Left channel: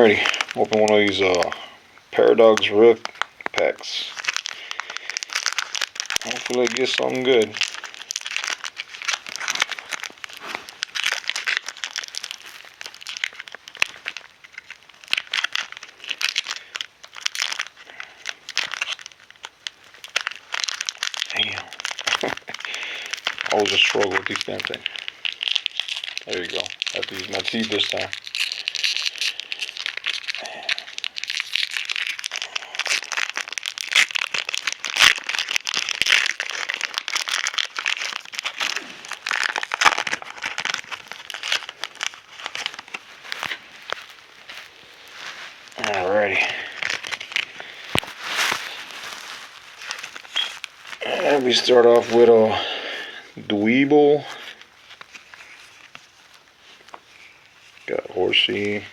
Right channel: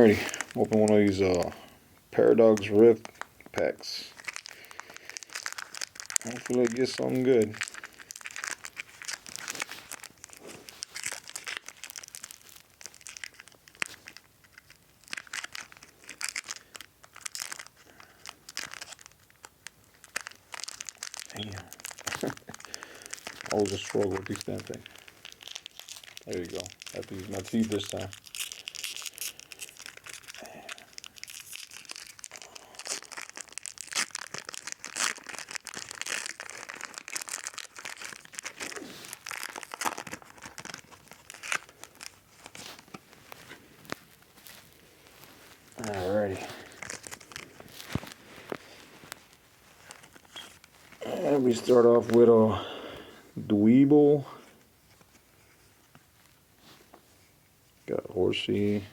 Alrighty, open one of these Paradox Rift packs. Hopefully it gets something good. Damn. Always a struggle with these damn things. There you go. I have to use my teeth this time. Alrighty. And we start off with a Dweeble. Got Horsey.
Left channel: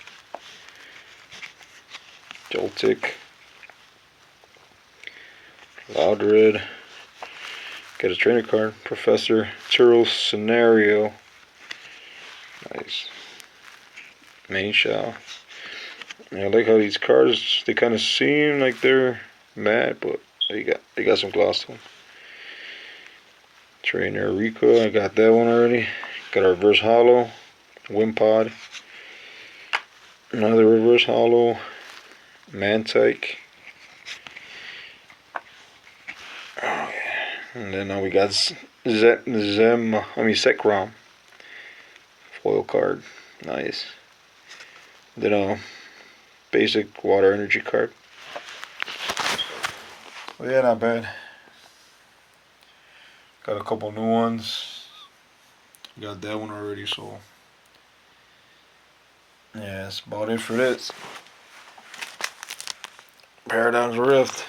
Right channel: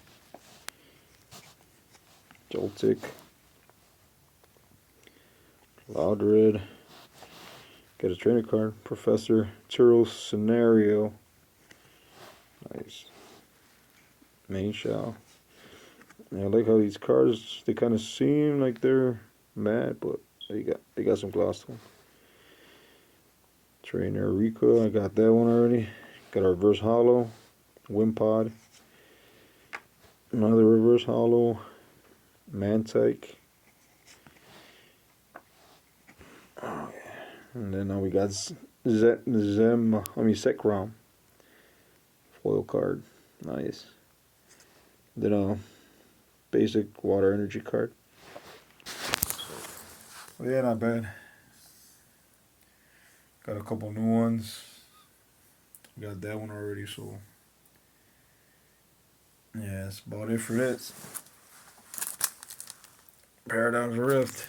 Joltik. Loudred. Got a trainer card. Professor Turo Scenario. Nice. Mainshao. I like how these cards, they kind of seem like they're matte, but they got some gloss to them. Trainer Rico, I got that one already. Got a reverse holo, Wimpod. Another reverse holo, Mantike. Oh yeah. And then now we got Zekrom. Foil card, nice. Then a basic water energy card. Well, yeah, not bad. Got a couple new ones. Got that one already, so yeah, that's about it for this. Paradox Rift.